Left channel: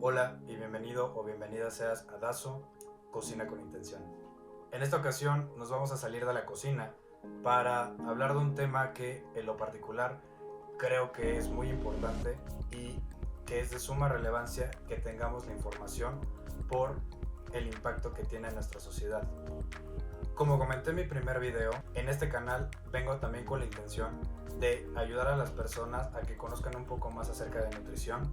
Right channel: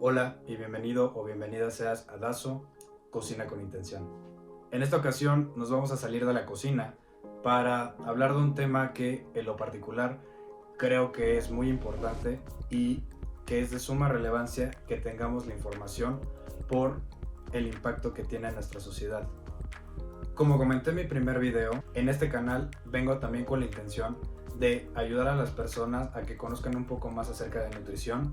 Hola y bienvenido o bienvenida seas a Dazo, Cocina con Intención. En esta ocasión nos vamos a salir de la cocina para hablar de un tema que en lo particular creo que es muy importante y que es de suma relevancia que tengamos la información por el impacto que tiene en nuestra sociedad. Como comenté en mi primer video, en este canal vengo también con la intención de ayudar a las personas a que conozcan un poco más acerca de nutrición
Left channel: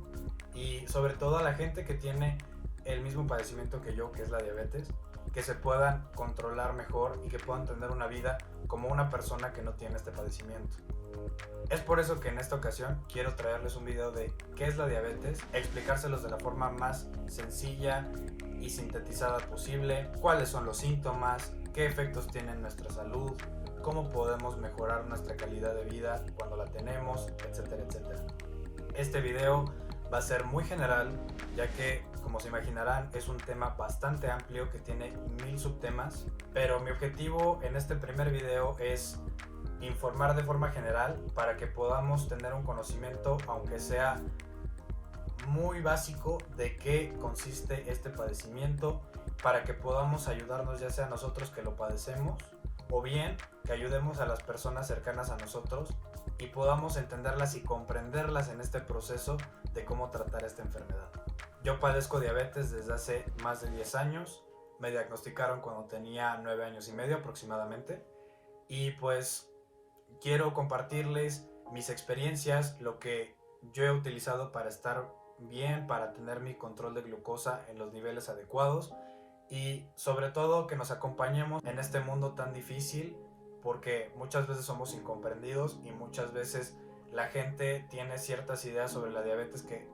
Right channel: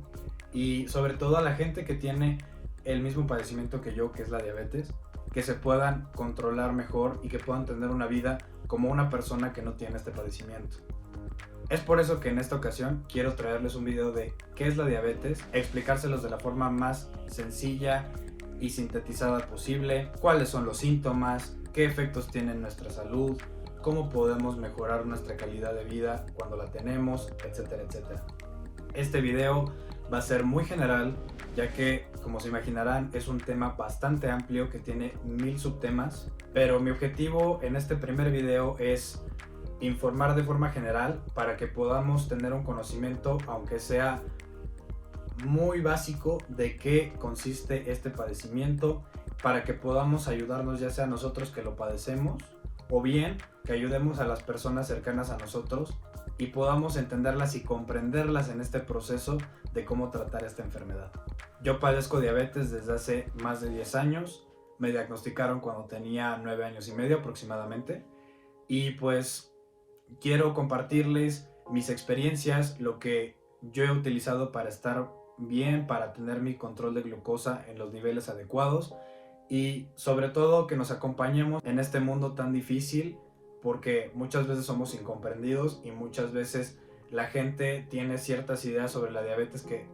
y sobre todo a la gente que tiene el mismo padecimiento que yo, que es la diabetes, que se puedan controlar mejor y que puedan tener una vida como una persona que no tiene este padecimiento. Es por eso que en esta ocasión quiero traerles un video de qué es la diabetes, explicárselos de la forma más sencilla y sintetizada posible, cuáles son los síntomas, qué efectos tiene en nuestra salud, cómo podemos mejorar nuestra calidad de vida cuando la tenemos, etcétera, etcétera. Este video va a ser muy general, ya que, como se imaginarán, es un tema bastante amplio que tiene 1000 subtemas, pero mi objetivo en este primer video es informar de forma general para que podamos tener un conocimiento, aunque sea muy básico, de qué consiste este padecimiento, para que podamos ayudarnos, ya sea nosotros que lo padecemos o bien que ayudemos a las personas cercanas a nosotros y podamos entenderlas y comprenderlas en este proceso de cómo tratar esta enfermedad. Yo padezco diabetes desde hace más de 10 años, me diagnosticaron cuando tenía 9 años y medio aproximadamente y pues quiero compartirles mis experiencias, lo que yo he utilizado para estar bien, para tener mi control de glucosa en los niveles adecuados y sobre todo que nos acompañemos en este mundo tan difícil, porque muchas veces somos incomprendidos y muchas veces la gente tiene ciertas ideas sobre la diabetes que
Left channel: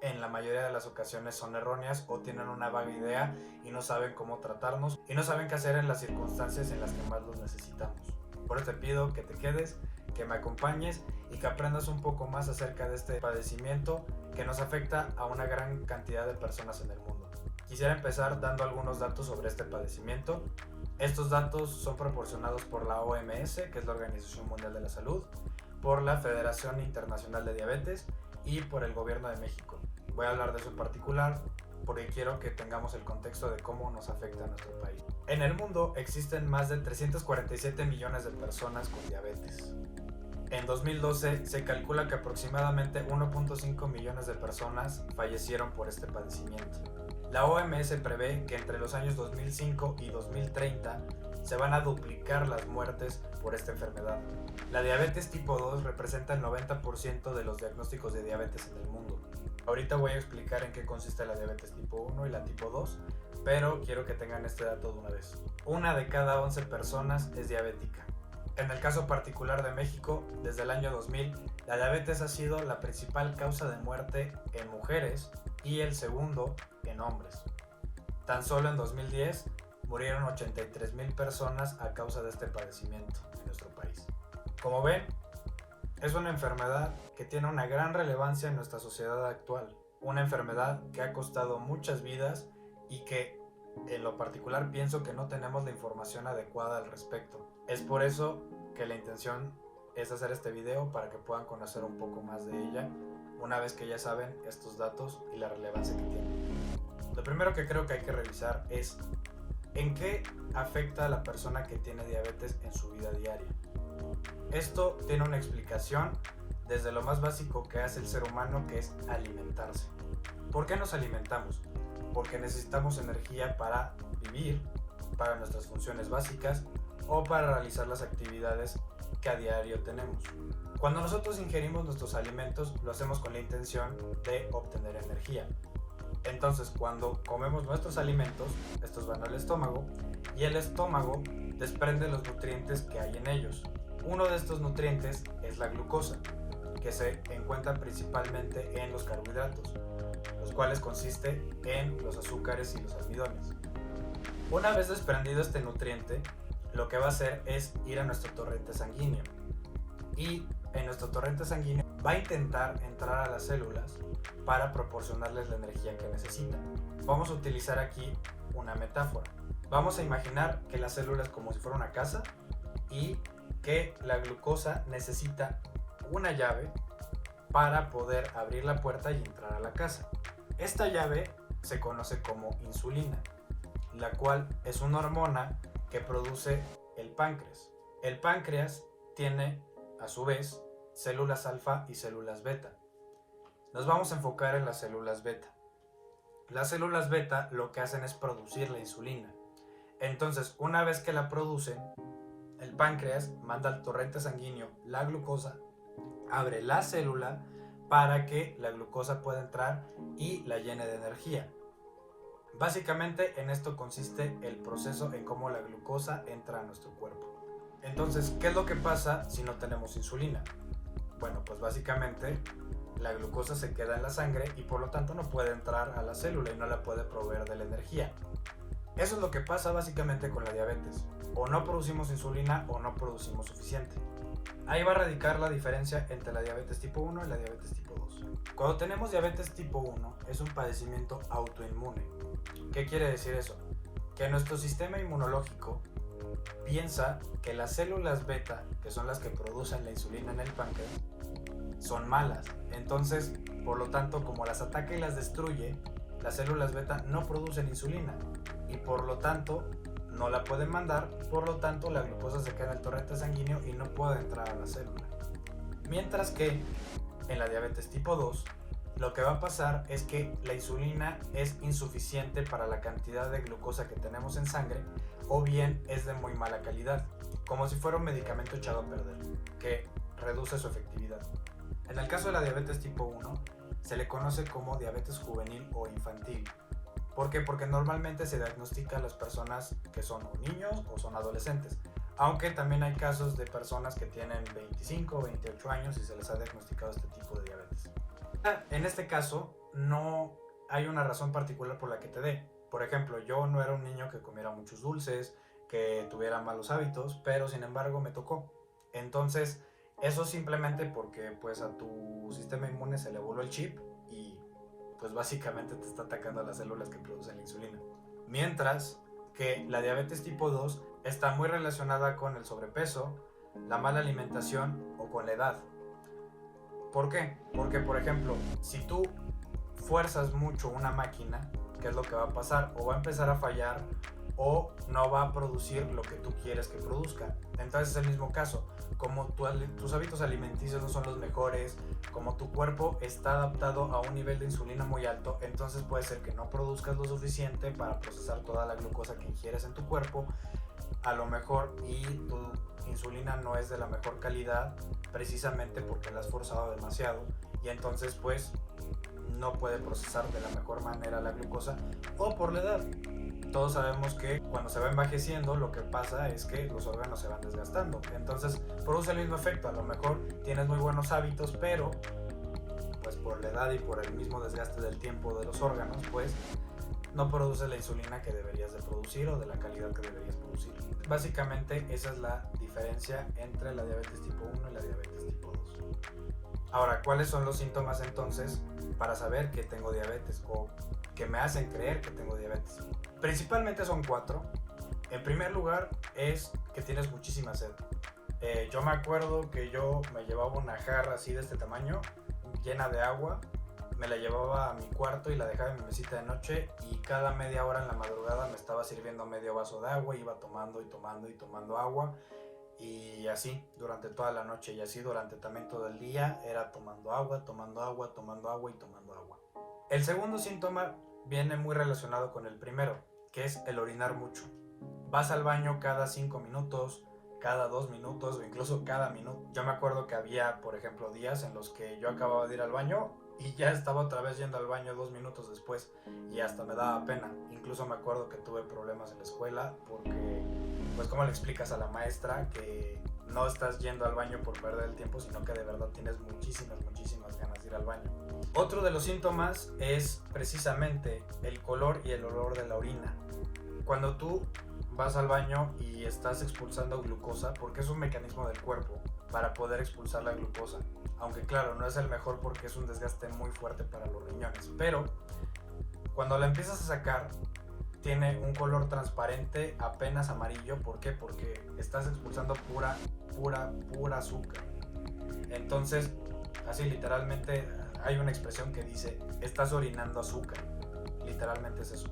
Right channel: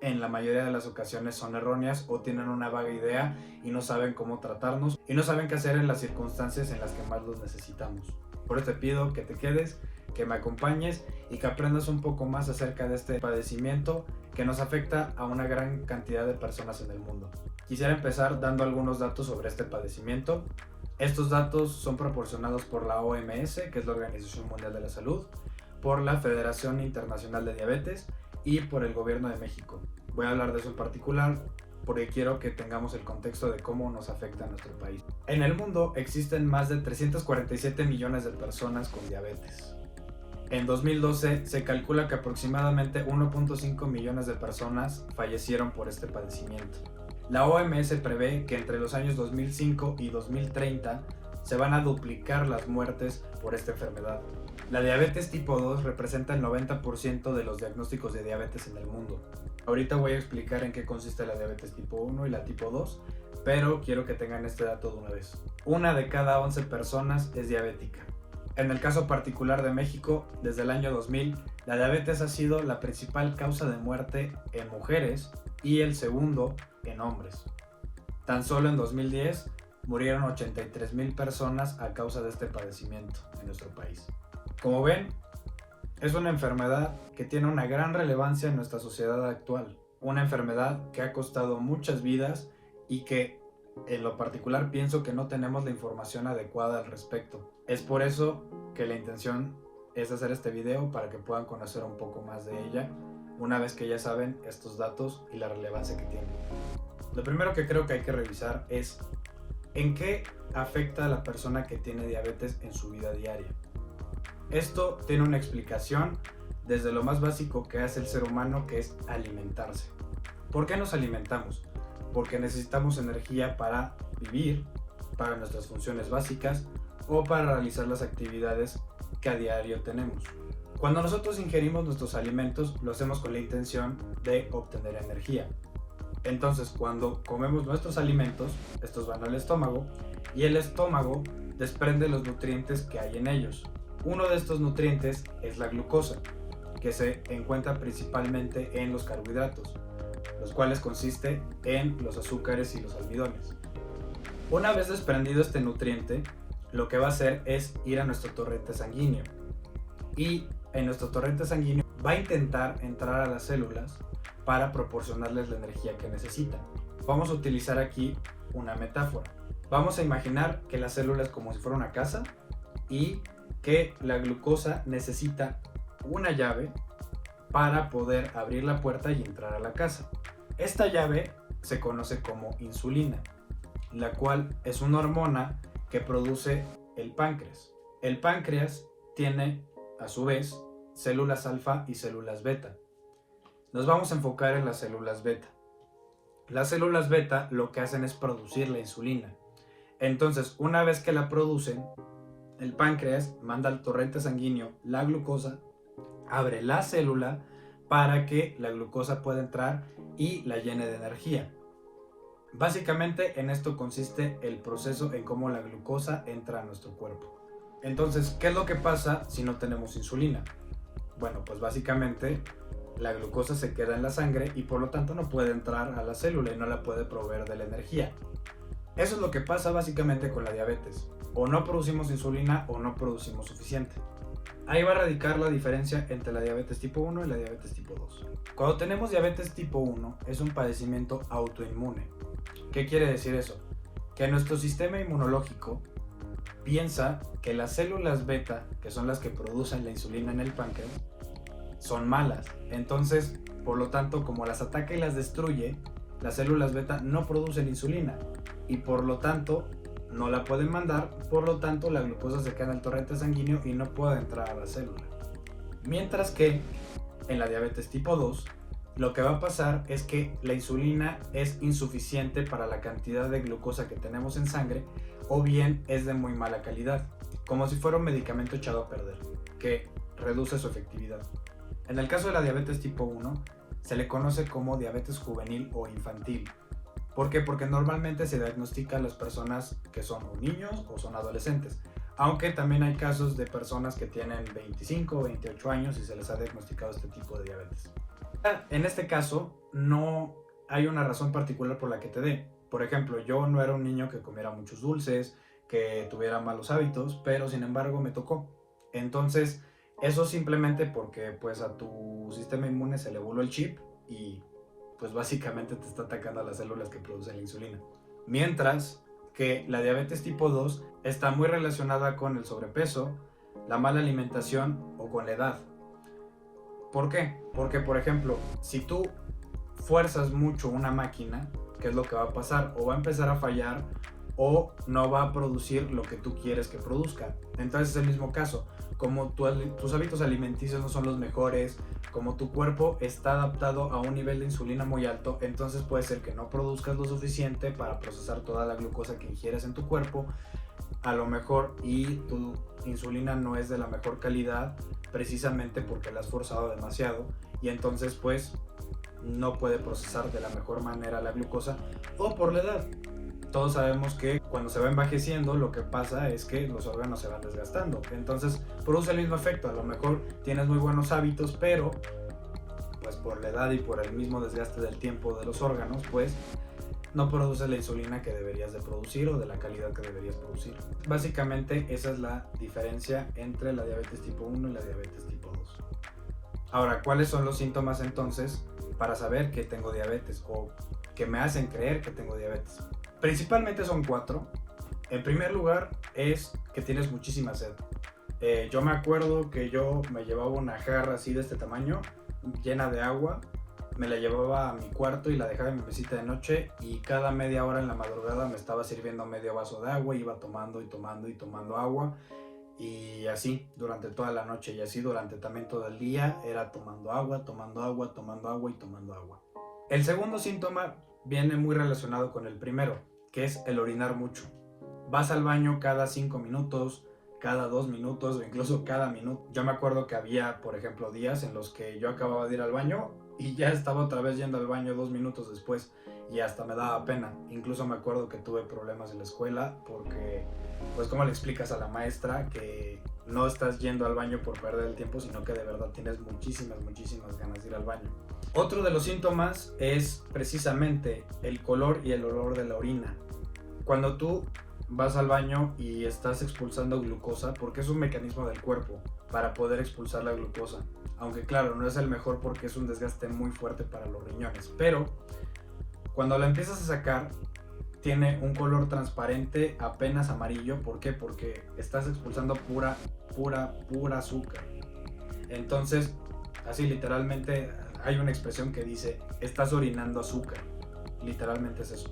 en la mayoría de las ocasiones son erróneas o tienen una vaga idea y no saben cómo tratarnos y no saben qué hacer en las circunstancias en las que más los necesitamos. Por eso te pido que te quedes, que me acompañes y que aprendas un poco más acerca de este padecimiento que nos afecta a una gran cantidad de personas en el mundo. Quisiera empezar dando algunos datos sobre este padecimiento. Estos datos son proporcionados por la OMS, que es la Organización Mundial de la Salud, por la Federación Internacional de Diabetes y por el Gobierno de México. Voy a hablar de eso en particular porque quiero que tengamos el contexto de cómo nos afecta a nuestro país. En el mundo existen más de 347 millones de personas con diabetes. En 2012 se calcula que aproximadamente 1.5 millones de personas fallecieron por este padecimiento. La OMS prevé que entre los años 2005 y 2030 se van a duplicar las muertes por esta enfermedad. La diabetes tipo 2 representa el 90% de los diagnósticos de diabetes en el mundo. Ahorita voy a explicar en qué consiste la diabetes tipo 1 y la tipo 2, pero quiero que tengan este dato de una vez. Una de cada 11 personas es diabética. En el caso particular de México, desde el año 2000, la diabetes ha sido la principal causa de muerte en mujeres y el segundo en hombres. Tan solo en 2010 murieron 83,000 personas a causa de este padecimiento en nuestro país. Como ven, es una enfermedad que tiene una gran relevancia en nuestra sociedad actual. Una enfermedad que ha costado muchas vidas y que en lo particular pienso que no tenemos la información adecuada al respecto. Es por eso que la intención es hacer este video para que puedan conocer un poco más de ella una vez que ya saben estos datos y la relevancia que tiene. Lo primero que creo que hay que revisar es en qué afecta a la persona que tiene diabetes en su vida diaria. Esto tiene una explicación desde lo más básico que hace el ser humano, que es alimentarse. ¿Por qué nos alimentamos? Porque necesitamos energía para vivir, para nuestras funciones básicas o para realizar las actividades que a diario tenemos. Cuando nosotros ingerimos nuestros alimentos, lo hacemos con la intención de obtener energía. Entonces, cuando comemos nuestros alimentos, estos van al estómago y el estómago desprende los nutrientes que hay en ellos. Uno de estos nutrientes es la glucosa, que se encuentra principalmente en los carbohidratos, los cuales consiste en los azúcares y los almidones. Una vez desprendido este nutriente, lo que va a hacer es ir a nuestro torrente sanguíneo y en nuestro torrente sanguíneo va a intentar entrar a las células para proporcionarles la energía que necesitan. Vamos a utilizar aquí una metáfora. Vamos a imaginar que la célula es como si fuera una casa y que la glucosa necesita una llave para poder abrir la puerta y entrar a la casa. Esta llave se conoce como insulina, la cual es una hormona que produce el páncreas. El páncreas tiene, a su vez, células alfa y células beta. Nos vamos a enfocar en las células beta. Las células beta lo que hacen es producir la insulina. Entonces, una vez que la producen, el páncreas manda al torrente sanguíneo la glucosa, abre la célula para que la glucosa pueda entrar y la llene de energía. Básicamente en esto consiste el proceso en cómo la glucosa entra a nuestro cuerpo. Entonces, ¿qué es lo que pasa si no tenemos insulina? Bueno, pues básicamente la glucosa se queda en la sangre y por lo tanto no puede entrar a la célula y no la puede proveer de la energía. Eso es lo que pasa básicamente con la diabetes. O no producimos insulina o no producimos suficiente. Ahí va a radicar la diferencia entre la diabetes tipo 1 y la diabetes tipo 2. Cuando tenemos diabetes tipo 1 es un padecimiento autoinmune. ¿Qué quiere decir eso? Que nuestro sistema inmunológico piensa que las células beta, que son las que producen la insulina en el páncreas, son malas. Entonces, por lo tanto, como las ataca y las destruye, las células beta no producen insulina y por lo tanto no la pueden mandar, por lo tanto la glucosa se queda en el torrente sanguíneo y no puede entrar a la célula. Mientras que en la diabetes tipo 2, lo que va a pasar es que la insulina es insuficiente para la cantidad de glucosa que tenemos en sangre o bien es de muy mala calidad, como si fuera un medicamento echado a perder, que reduce su efectividad. En el caso de la diabetes tipo 1, se le conoce como diabetes juvenil o infantil. ¿Por qué? Porque normalmente se diagnostica a las personas que son o niños o son adolescentes, aunque también hay casos de personas que tienen 25 o 28 años y se les ha diagnosticado este tipo de diabetes. En este caso, no hay una razón particular por la que te dé. Por ejemplo, yo no era un niño que comiera muchos dulces, que tuviera malos hábitos, pero sin embargo me tocó. Entonces, eso simplemente porque pues a tu sistema inmune se le voló el chip y pues básicamente te está atacando a las células que producen la insulina. Mientras que la diabetes tipo 2 está muy relacionada con el sobrepeso, la mala alimentación o con la edad. ¿Por qué? Porque, por ejemplo, si tú fuerzas mucho una máquina, ¿qué es lo que va a pasar? O va a empezar a fallar o no va a producir lo que tú quieres que produzca. Entonces es el mismo caso. Como tus hábitos alimenticios no son los mejores, como tu cuerpo está adaptado a un nivel de insulina muy alto, entonces puede ser que no produzcas lo suficiente para procesar toda la glucosa que ingieres en tu cuerpo, a lo mejor, y tu insulina no es de la mejor calidad precisamente porque la has forzado demasiado y entonces pues no puede procesar de la mejor manera la glucosa o por la edad. Todos sabemos que cuando se va envejeciendo lo que pasa es que los órganos se van desgastando, entonces produce el mismo efecto. A lo mejor tienes muy buenos hábitos, pero pues por la edad y por el mismo desgaste del tiempo de los órganos, pues no produces la insulina que deberías de producir o de la calidad que deberías producir. Básicamente esa es la diferencia entre la diabetes tipo 1 y la diabetes tipo 2. Ahora, ¿cuáles son los síntomas entonces para saber que tengo diabetes o que me hacen creer que tengo diabetes? Principalmente son 4. En primer lugar es que tienes muchísima sed. Yo me acuerdo que yo me llevaba una jarra así de este tamaño, llena de agua, me la llevaba a mi cuarto y la dejaba en mi mesita de noche y cada media hora en la madrugada me estaba sirviendo medio vaso de agua, iba tomando y tomando y tomando agua y así durante toda la noche y así durante también todo el día era tomando agua, tomando agua, tomando agua y tomando agua. El segundo síntoma viene muy relacionado con el primero, que es el orinar mucho. Vas al baño cada 5 minutos, cada 2 minutos o incluso cada minuto. Yo me acuerdo que había, por ejemplo, días en los que yo acababa de ir al baño y ya estaba otra vez yendo al baño 2 minutos después y hasta me daba pena. Incluso me acuerdo que tuve problemas en la escuela porque, pues, ¿cómo le explicas a la maestra que no estás yendo al baño por perder el tiempo, sino que de verdad tienes muchísimas ganas de ir al baño? Otro de los síntomas es precisamente el color y el olor de la orina. Cuando tú vas al baño y estás expulsando glucosa, porque es un mecanismo del cuerpo para poder expulsar la glucosa, aunque claro, no es el mejor porque es un desgaste muy fuerte para los riñones, pero cuando la empiezas a sacar tiene un color transparente, apenas amarillo. ¿Por qué? Porque estás expulsando pura azúcar. Entonces, así literalmente hay una expresión que dice, estás orinando azúcar. Literalmente es eso.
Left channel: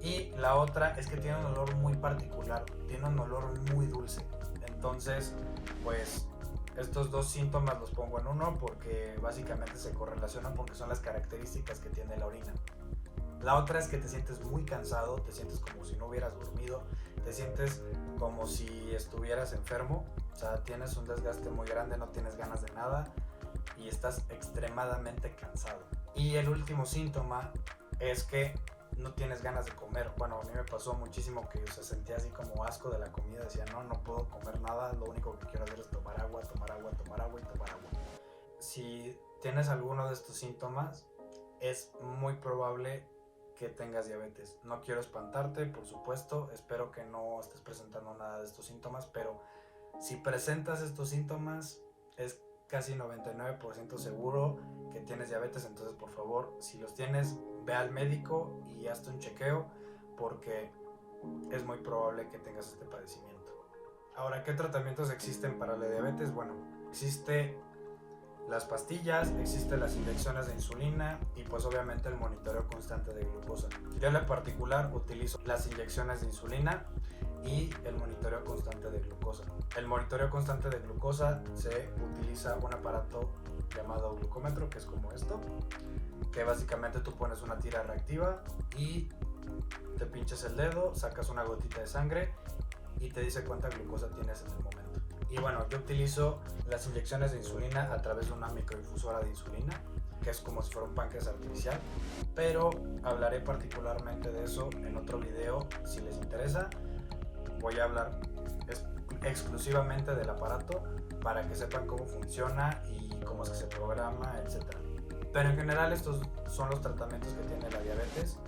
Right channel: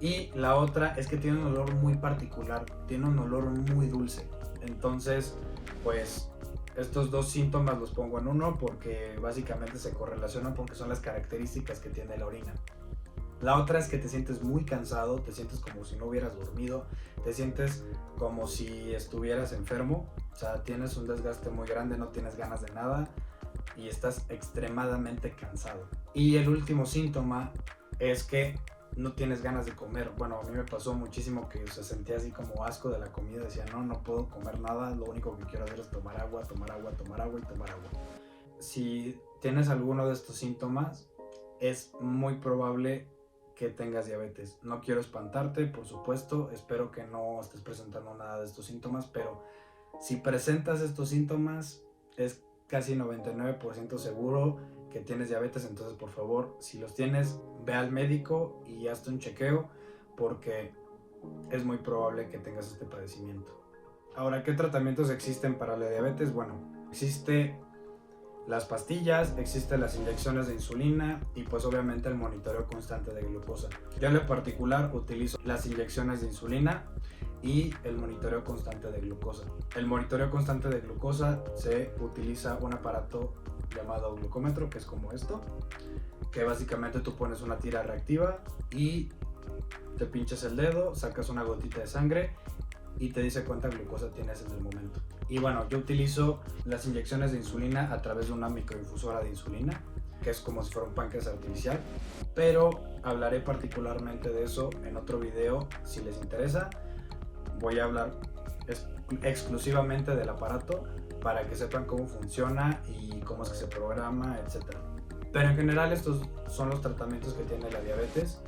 Y la otra es que tiene un olor muy particular, tiene un olor muy dulce. Entonces, pues estos dos síntomas los pongo en uno porque básicamente se correlacionan porque son las características que tiene la orina. La otra es que te sientes muy cansado, te sientes como si no hubieras dormido, te sientes como si estuvieras enfermo, o sea, tienes un desgaste muy grande, no tienes ganas de nada y estás extremadamente cansado. Y el último síntoma es que no tienes ganas de comer. Bueno, a mí me pasó muchísimo que se sentía así como asco de la comida, decía no puedo comer nada, lo único que quiero hacer es tomar agua, tomar agua, tomar agua y tomar agua. Si tienes alguno de estos síntomas, es muy probable que tengas diabetes. No quiero espantarte, por supuesto, espero que no estés presentando nada de estos síntomas, pero si presentas estos síntomas, es casi 99% seguro que tienes diabetes. Entonces, por favor, si los tienes, ve al médico y hazte un chequeo porque es muy probable que tengas este padecimiento. Ahora, ¿qué tratamientos existen para la diabetes? Bueno, existe las pastillas, existen las inyecciones de insulina y pues obviamente el monitoreo constante de glucosa. Yo en lo particular utilizo las inyecciones de insulina y el monitoreo constante de glucosa. El monitoreo constante de glucosa se utiliza un aparato llamado glucómetro, que es como esto, que básicamente tú pones una tira reactiva y te pinches el dedo, sacas una gotita de sangre y te dice cuánta glucosa tienes en el momento. Y bueno, yo utilizo las inyecciones de insulina a través de una microinfusora de insulina, que es como si fuera un páncreas artificial, pero hablaré particularmente de eso en otro video. Si les interesa, voy a hablar exclusivamente del aparato para que sepan cómo funciona y cómo es que se programa, etc. Pero en general estos son los tratamientos que tiene la diabetes.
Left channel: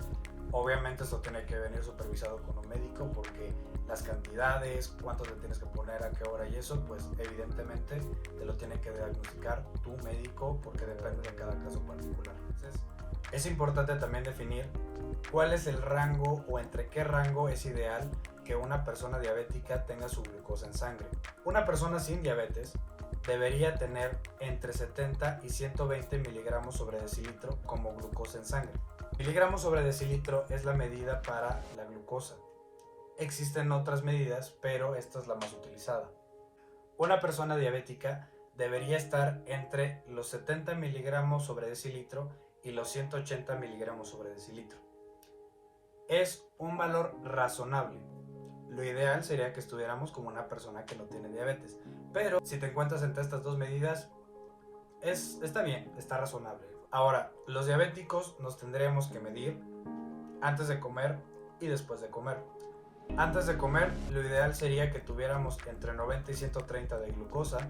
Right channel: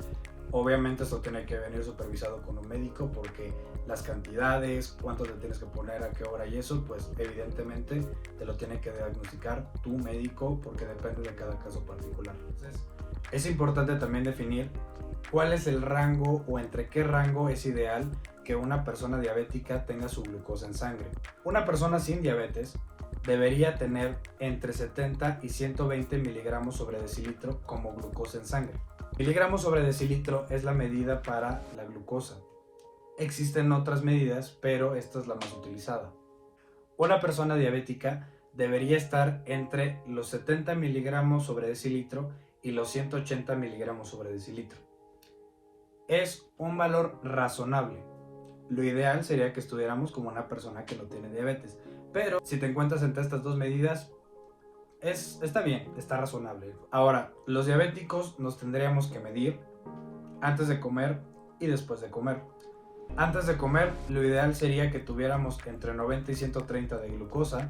Obviamente esto tiene que venir supervisado con un médico porque las cantidades, cuánto te tienes que poner, a qué hora y eso, pues evidentemente te lo tiene que diagnosticar tu médico porque depende de cada caso particular. Entonces, es importante también definir cuál es el rango o entre qué rango es ideal que una persona diabética tenga su glucosa en sangre. Una persona sin diabetes debería tener entre 70 y 120 miligramos sobre decilitro como glucosa en sangre. Miligramos sobre decilitro es la medida para la glucosa. Existen otras medidas, pero esta es la más utilizada. Una persona diabética debería estar entre los 70 miligramos sobre decilitro y los 180 miligramos sobre decilitro. Es un valor razonable. Lo ideal sería que estuviéramos como una persona que no tiene diabetes, pero si te encuentras entre estas dos medidas, está bien, está razonable. Ahora, los diabéticos nos tendríamos que medir antes de comer y después de comer. Antes de comer, lo ideal sería que tuviéramos entre 90 y 130 de glucosa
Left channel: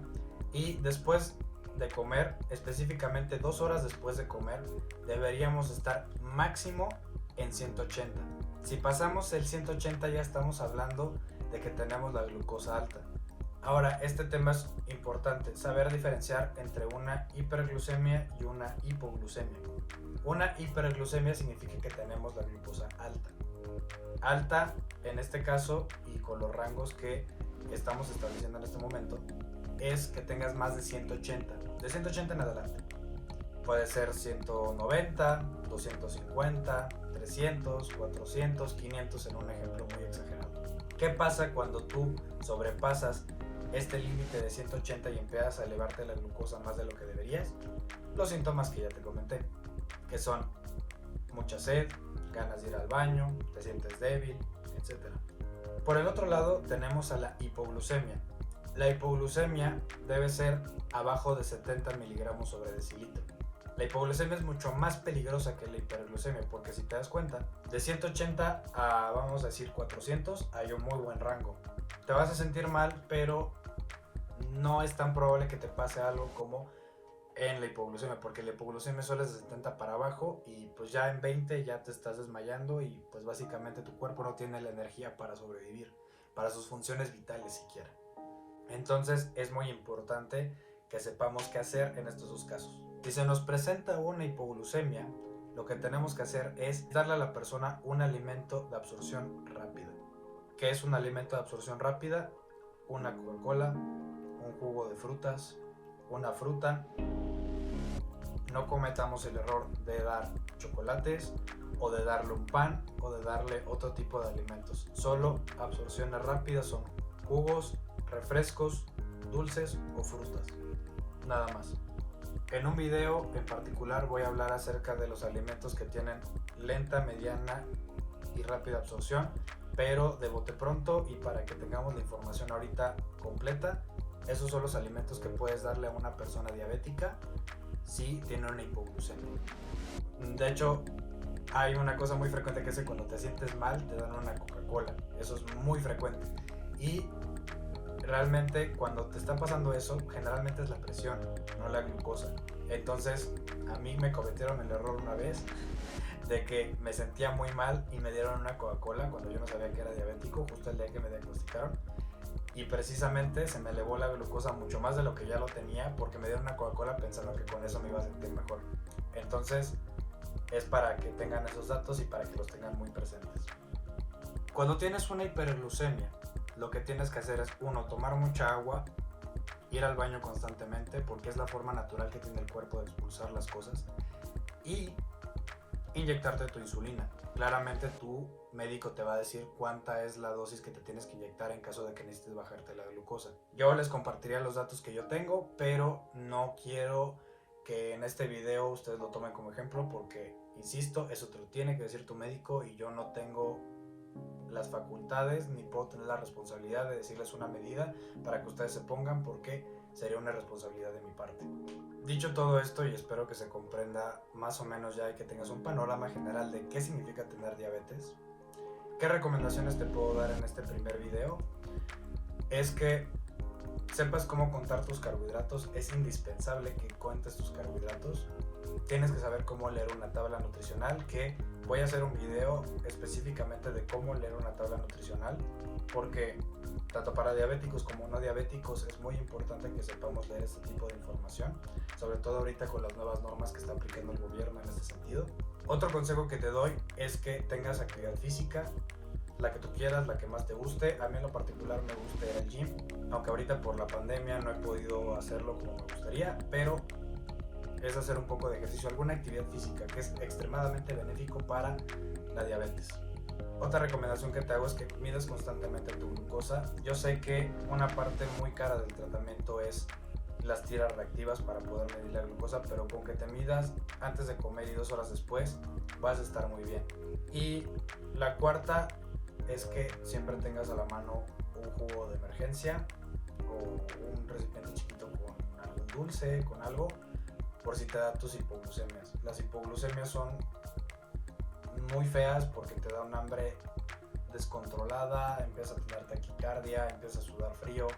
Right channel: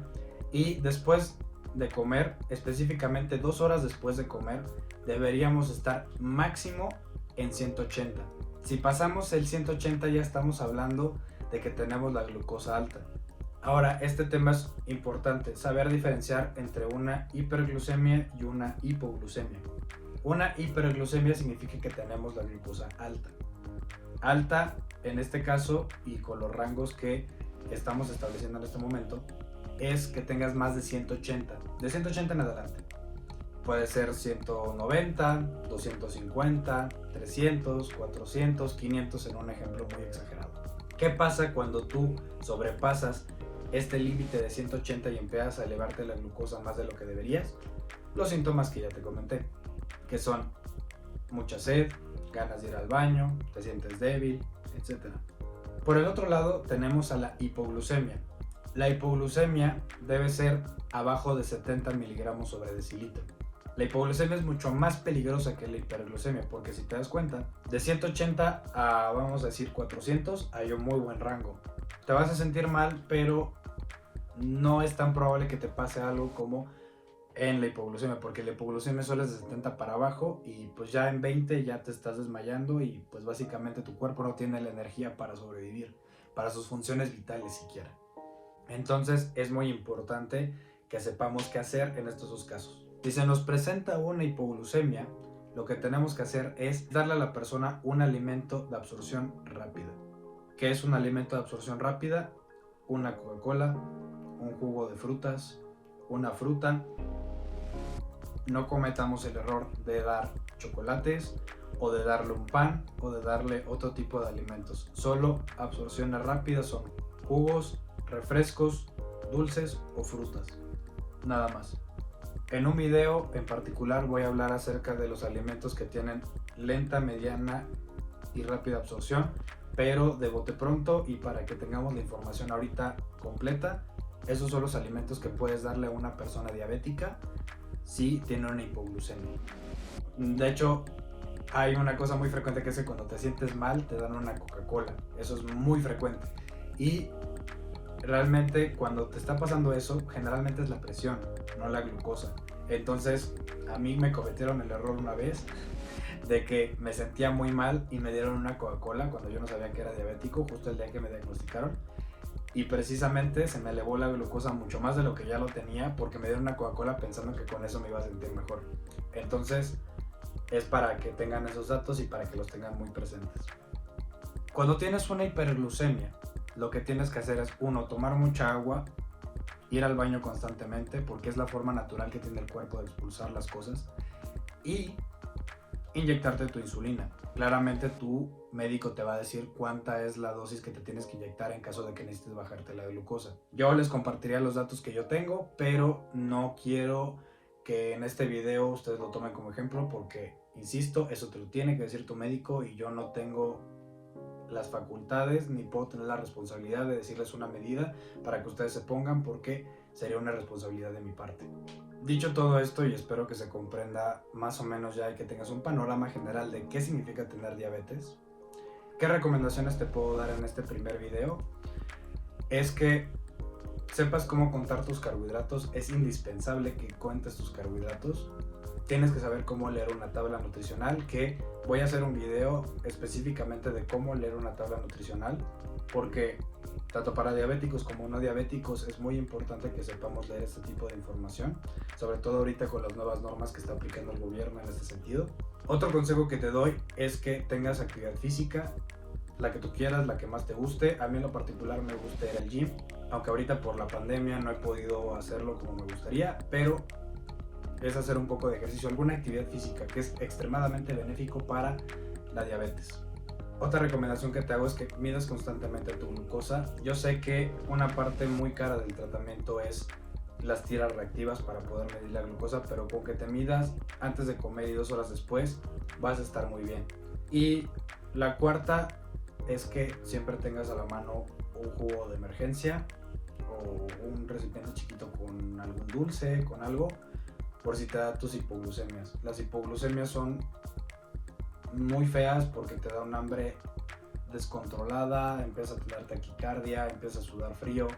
y después de comer, específicamente 2 horas después de comer, deberíamos estar máximo en 180. Si pasamos el 180 ya estamos hablando de que tenemos la glucosa alta. Ahora, este tema es importante, saber diferenciar entre una hiperglucemia y una hipoglucemia. Una hiperglucemia significa que tenemos la glucosa alta. Alta, en este caso, y con los rangos que estamos estableciendo en este momento, es que tengas más de 180. De 180 en adelante. Puede ser 190, 250, 300, 400, 500 en un ejemplo muy exagerado. ¿Qué pasa cuando tú sobrepasas este límite de 180 y empiezas a elevarte la glucosa más de lo que deberías? Los síntomas que ya te comenté, que son mucha sed, ganas de ir al baño, te sientes débil, etc. Por el otro lado tenemos a la hipoglucemia. La hipoglucemia debe ser abajo de 70 miligramos sobre decilitro. La hipoglucemia es mucho más peligrosa que la hiperglucemia porque si te das cuenta, de 180 a vamos a decir 400 hay un muy buen rango. Te vas a sentir mal, pero no es tan probable que te pase algo como en la hipoglucemia, porque la hipoglucemia solo es de 70 para abajo y pues ya en 20 ya te estás desmayando y pues básicamente tu cuerpo no tiene la energía para sobrevivir, para sus funciones vitales siquiera. Entonces es muy importante que sepamos qué hacer en estos dos casos. Si se nos presenta una hipoglucemia, lo que tenemos que hacer es darle a la persona un alimento de absorción rápida. ¿Qué es un alimento de absorción rápida? Una Coca-Cola, un jugo de frutas, una fruta, no cometamos el error de dar chocolates o de darle un pan o de darle otro tipo de alimentos. Solo absorciones rápidas son jugos, refrescos, dulces o frutas, nada más. En un video en particular voy a hablar acerca de los alimentos que tienen lenta, mediana y rápida absorción, pero de bote pronto, y para que tengamos la información ahorita completa, esos son los alimentos que puedes darle a una persona diabética si tiene una hipoglucemia. De hecho, hay una cosa muy frecuente que es que cuando te sientes mal te dan una Coca-Cola. Eso es muy frecuente. Y realmente cuando te está pasando eso, generalmente es la presión, no la glucosa. Entonces, a mí me cometieron el error una vez de que me sentía muy mal y me dieron una Coca-Cola cuando yo no sabía que era diabético, justo el día que me diagnosticaron. Y precisamente se me elevó la glucosa mucho más de lo que ya lo tenía porque me dieron una Coca-Cola pensando que con eso me iba a sentir mejor. Entonces, es para que tengan esos datos y para que los tengan muy presentes. Cuando tienes una hiperglucemia, lo que tienes que hacer es, uno, tomar mucha agua, ir al baño constantemente porque es la forma natural que tiene el cuerpo de expulsar las cosas, y inyectarte tu insulina. Claramente tu médico te va a decir cuánta es la dosis que te tienes que inyectar en caso de que necesites bajarte la glucosa. Yo les compartiría los datos que yo tengo, pero no quiero que en este video ustedes lo tomen como ejemplo porque, insisto, eso te lo tiene que decir tu médico y yo no tengo las facultades ni puedo tener la responsabilidad de decirles una medida para que ustedes se pongan porque sería una responsabilidad de mi parte. Dicho todo esto, y espero que se comprenda más o menos ya y que tengas un panorama general de qué significa tener diabetes, ¿qué recomendaciones te puedo dar en este primer video? Es que sepas cómo contar tus carbohidratos. Es indispensable que cuentes tus carbohidratos. Tienes que saber cómo leer una tabla nutricional, que voy a hacer un video específicamente de cómo leer una tabla nutricional, porque tanto para diabéticos como no diabéticos es muy importante que sepamos leer este tipo de información, sobre todo ahorita con las nuevas normas que está aplicando el gobierno en este sentido. Otro consejo que te doy es que tengas actividad física, la que tú quieras, la que más te guste. A mí en lo particular me gusta ir al gym, aunque ahorita por la pandemia no he podido hacerlo como me gustaría, pero es hacer un poco de ejercicio, alguna actividad física, que es extremadamente benéfico para la diabetes. Otra recomendación que te hago es que midas constantemente tu glucosa. Yo sé que una parte muy cara del tratamiento es las tiras reactivas para poder medir la glucosa, pero con que te midas antes de comer y 2 horas después vas a estar muy bien. Y la cuarta es que siempre tengas a la mano un jugo de emergencia o un recipiente chiquito con algún dulce, con algo, por si te da tus hipoglucemias. Las hipoglucemias son muy feas porque te da un hambre descontrolada, empieza a tener taquicardia, empieza a sudar frío,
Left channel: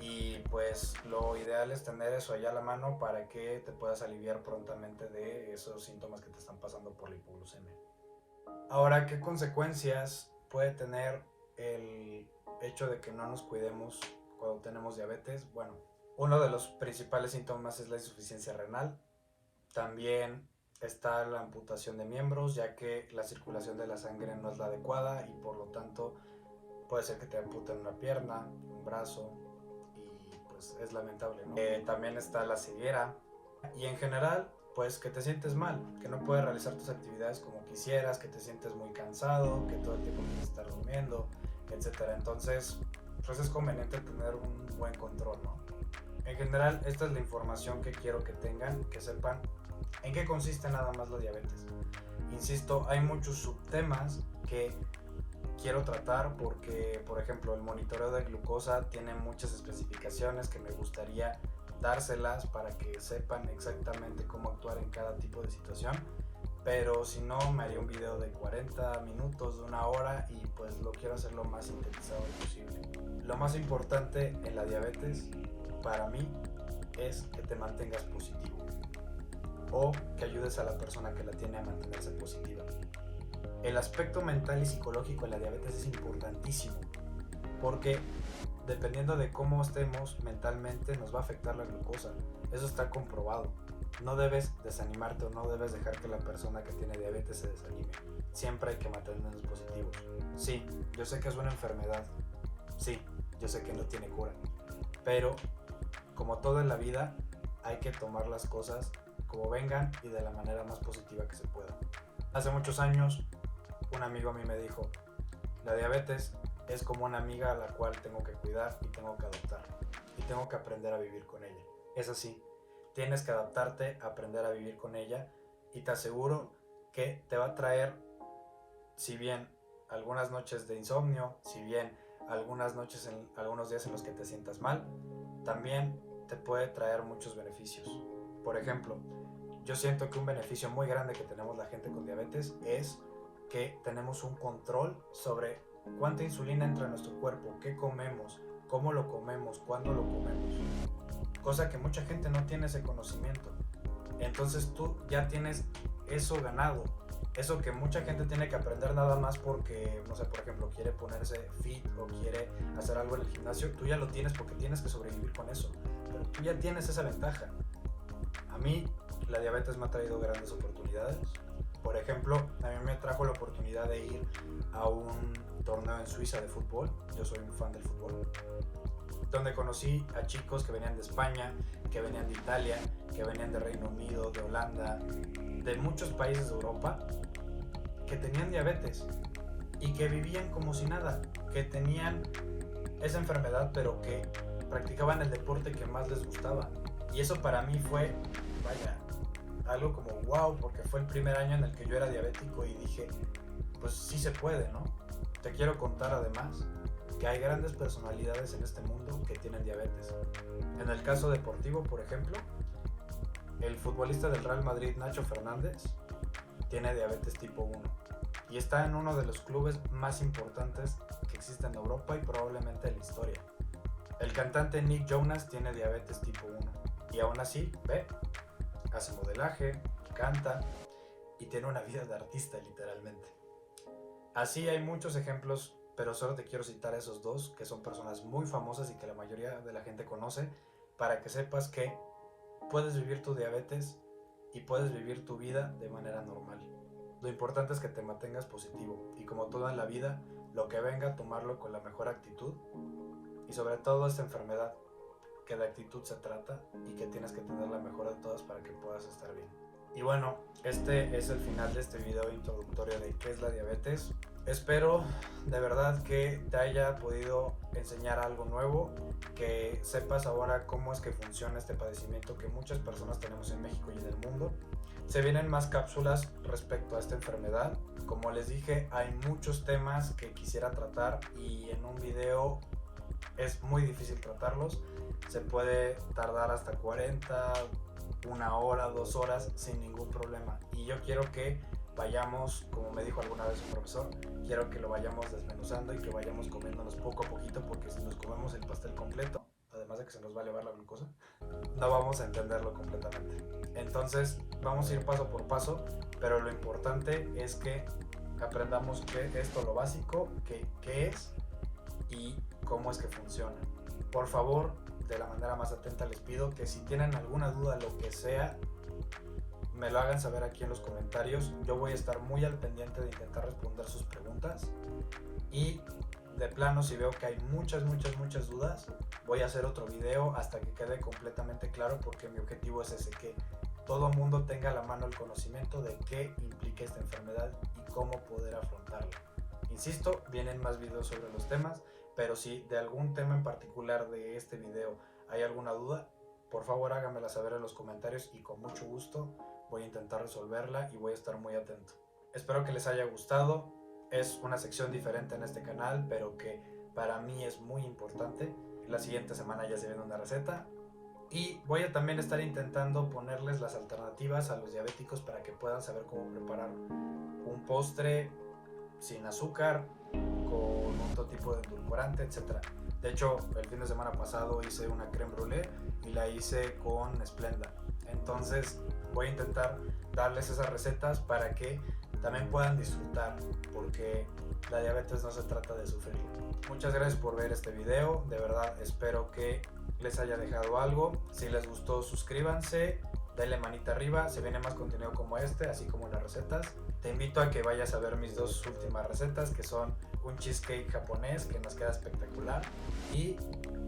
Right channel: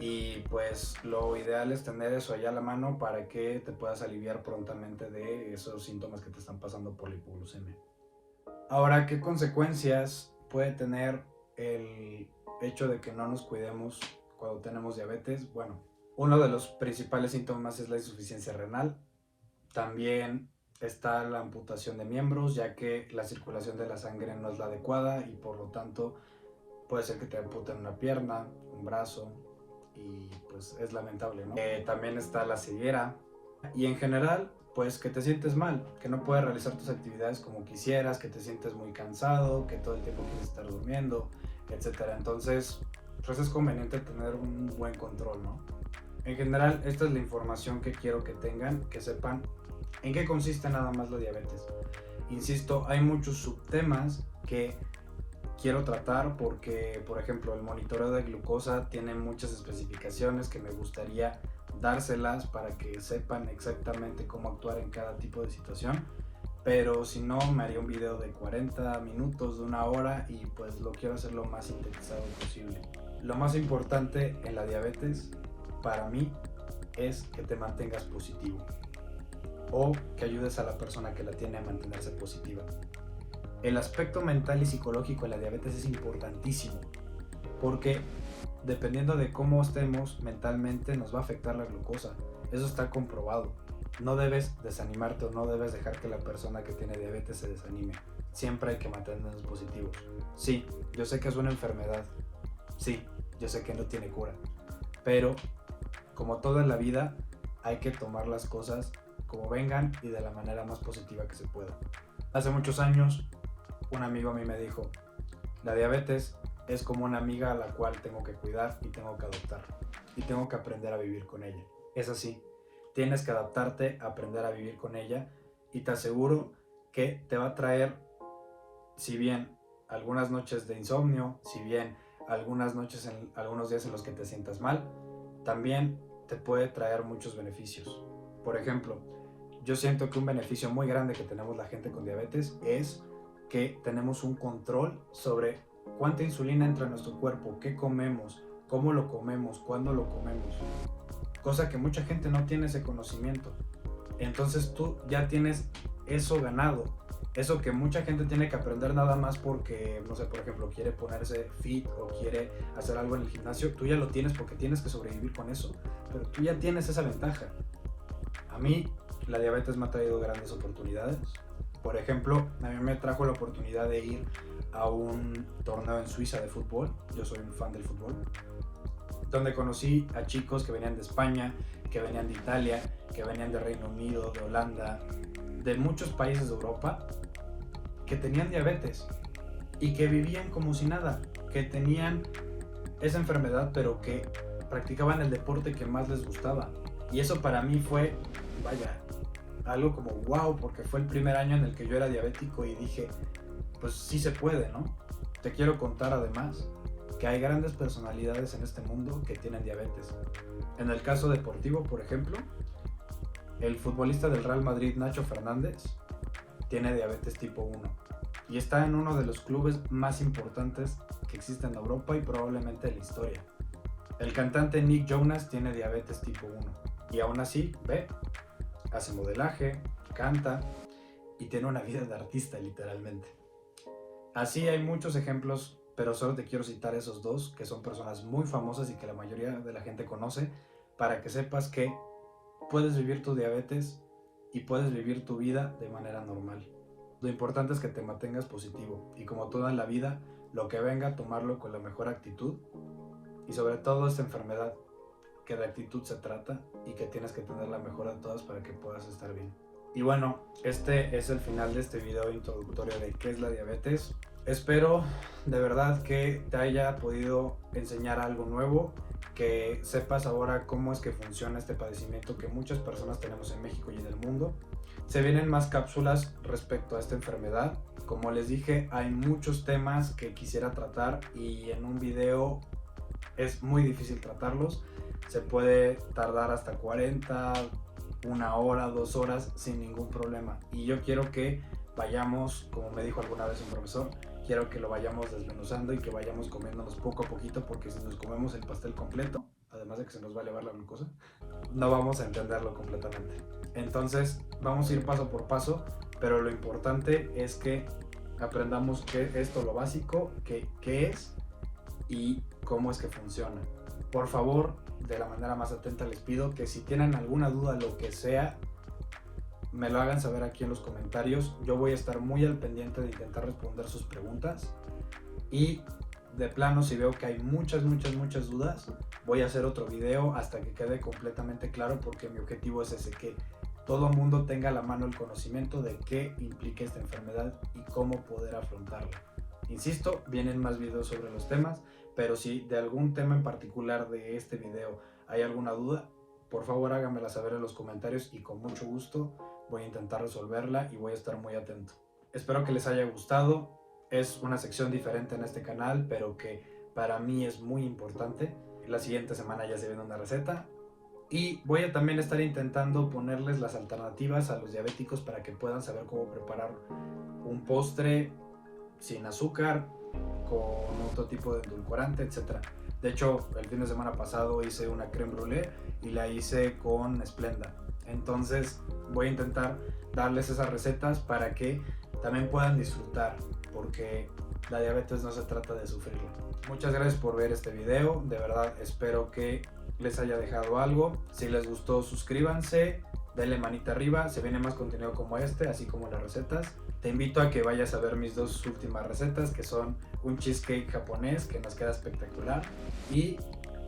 y pues lo ideal es tener eso allá a la mano para que te puedas aliviar prontamente de esos síntomas que te están pasando por la hipoglucemia. Ahora, ¿qué consecuencias puede tener el hecho de que no nos cuidemos cuando tenemos diabetes? Bueno, uno de los principales síntomas es la insuficiencia renal. También está la amputación de miembros, ya que la circulación de la sangre no es la adecuada y por lo tanto puede ser que te amputen una pierna, un brazo, y pues es lamentable, ¿no? También está la ceguera y en general pues que te sientes mal, que no puedes realizar tus actividades como quisieras, que te sientes muy cansado, que todo el tiempo quieres estar durmiendo, etcétera. Entonces pues es conveniente tener un buen control, ¿no? En general esta es la información que quiero que tengan, que sepan en qué consiste nada más la diabetes. Insisto, hay muchos subtemas que quiero tratar porque, por ejemplo, el monitoreo de glucosa tiene muchas especificaciones que me gustaría dárselas para que sepan exactamente cómo actuar en cada tipo de situación, pero si no me haría un video de 40 minutos, de 1 hora, y pues lo quiero hacer lo más sintetizado posible. Lo más importante en la diabetes para mí es que te mantengas positivo o que ayudes a la persona que la tiene a mantenerse positiva. El aspecto mental y psicológico de la diabetes es importantísimo porque dependiendo de cómo estemos mentalmente nos va a afectar la glucosa. Eso está comprobado. No debes desanimarte o no debes dejar que la persona que tiene diabetes se desanime. Siempre hay que mantenernos positivos. Sí, yo sé que es una enfermedad. Sí, yo sé que no tiene cura. Pero como todo en la vida hay que tomar las cosas como vengan y de la manera más positiva que se pueda. Hace muchos años, un amigo a mí me dijo, la diabetes es como una amiga a la cual tengo que cuidar y tengo que adoptar. Y tengo que aprender a vivir con ella. Es así, tienes que adaptarte, aprender a vivir con ella y te aseguro que te va a traer, si bien algunas noches de insomnio, si bien algunos días en los que te sientas mal, también te puede traer muchos beneficios. Por ejemplo, yo siento que un beneficio muy grande que tenemos la gente con diabetes es que tenemos un control sobre cuánta insulina entra en nuestro cuerpo, qué comemos, cómo lo comemos, cuándo lo comemos, cosa que mucha gente no tiene ese conocimiento. Entonces tú ya tienes eso ganado, eso que mucha gente tiene que aprender nada más porque, no sé, por ejemplo, quiere ponerse fit o quiere hacer algo en el gimnasio, tú ya lo tienes porque tienes que sobrevivir con eso, pero tú ya tienes esa ventaja. A mí la diabetes me ha traído grandes oportunidades. Por ejemplo, a mí me trajo la oportunidad de ir a un torneo en Suiza de fútbol. Yo soy un fan del fútbol, donde conocí a chicos que venían de España, que venían de Italia, que venían de Reino Unido, de Holanda, de muchos países de Europa, que tenían diabetes y que vivían como si nada, que tenían esa enfermedad, pero que practicaban el deporte que más les gustaba. Y eso para mí fue, vaya, algo como wow, porque fue el primer año en el que yo era diabético y dije, pues sí se puede, ¿no? Te quiero contar además que hay grandes personalidades en este mundo que tienen diabetes. En el caso deportivo, por ejemplo, el futbolista del Real Madrid, Nacho Fernández, tiene diabetes tipo 1 y está en uno de los clubes más importantes que existen en Europa y probablemente en la historia. El cantante Nick Jonas tiene diabetes tipo 1 y aún así, hace modelaje, canta y tiene una vida de artista literalmente. Así hay muchos ejemplos, pero solo te quiero citar esos dos, que son personas muy famosas y que la mayoría de la gente conoce, para que sepas que puedes vivir tu diabetes y puedes vivir tu vida de manera normal. Lo importante es que te mantengas positivo y, como todo en la vida, lo que venga, tomarlo con la mejor actitud y sobre todo esta enfermedad, que de actitud se trata y que tienes que tener la mejor de todas para que puedas estar bien. Y bueno, este es el final de este video introductorio de qué es la diabetes. Espero de verdad que te haya podido enseñar algo nuevo, que sepas ahora cómo es que funciona este padecimiento que muchas personas tenemos en México y en el mundo. Se vienen más cápsulas respecto a esta enfermedad. Como les dije, hay muchos temas que quisiera tratar y en un video es muy difícil tratarlos. Se puede tardar hasta 40, 1 hora, 2 horas sin ningún problema. Y yo quiero que vayamos, como me dijo alguna vez un profesor, quiero que lo vayamos desmenuzando y que vayamos comiéndonos poco a poquito, porque si nos comemos el pastel completo, además de que se nos va a elevar la glucosa, no vamos a entenderlo completamente. Entonces vamos a ir paso por paso, pero lo importante es que aprendamos qué es lo básico, qué es y cómo es que funciona. Por favor, de la manera más atenta les pido que si tienen alguna duda, lo que sea, me lo hagan saber aquí en los comentarios. Yo voy a estar muy al pendiente de intentar responder sus preguntas y de plano, si veo que hay muchas dudas, voy a hacer otro video hasta que quede completamente claro, porque mi objetivo es ese, que todo el mundo tenga a la mano el conocimiento de qué implica esta enfermedad y cómo poder afrontarla. Insisto, vienen más videos sobre los temas, pero si de algún tema en particular de este video hay alguna duda, por favor háganmela saber en los comentarios y con mucho gusto voy a intentar resolverla y voy a estar muy atento. Espero que les haya gustado. Es una sección diferente en este canal, pero que para mí es muy importante. La siguiente semana ya se viene una receta y voy a también estar intentando ponerles las alternativas a los diabéticos para que puedan saber cómo preparar un postre sin azúcar, con otro tipo de edulcorante, etc. De hecho, el fin de semana pasado hice una crème brûlée y la hice con Splenda. Entonces voy a intentar darles esas recetas para que también puedan disfrutar, porque la diabetes no se trata de sufrirla. Muchas gracias por ver este video, de verdad espero que les haya dejado algo. Si les gustó, suscríbanse, denle manita arriba, se viene más contenido como este, así como las recetas. Te invito a que vayas a ver mis dos últimas recetas, que son un cheesecake japonés que nos queda espectacular y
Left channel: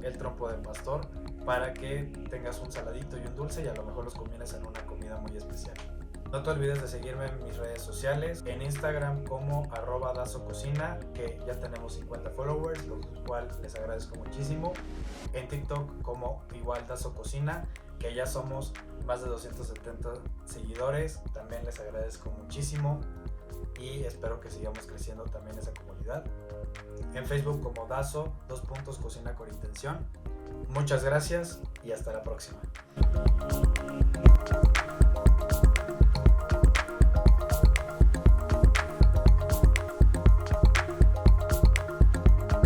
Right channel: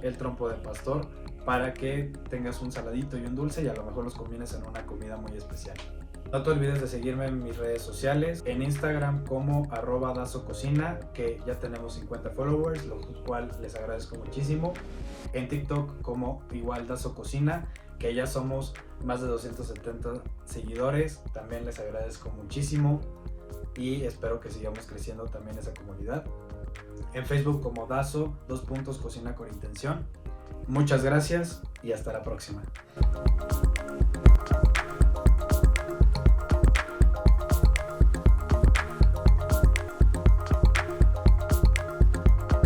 el trompo de pastor para que tengas un saladito y un dulce y a lo mejor los combines en una comida muy especial. No te olvides de seguirme en mis redes sociales, en Instagram como @dasococina, que ya tenemos 50 followers, lo cual les agradezco muchísimo. En TikTok como igual dasococina, que ya somos más de 270 seguidores, también les agradezco muchísimo y espero que sigamos creciendo también esa comunidad. En Facebook como Dazo, Cocina con Intención. Muchas gracias y hasta la próxima.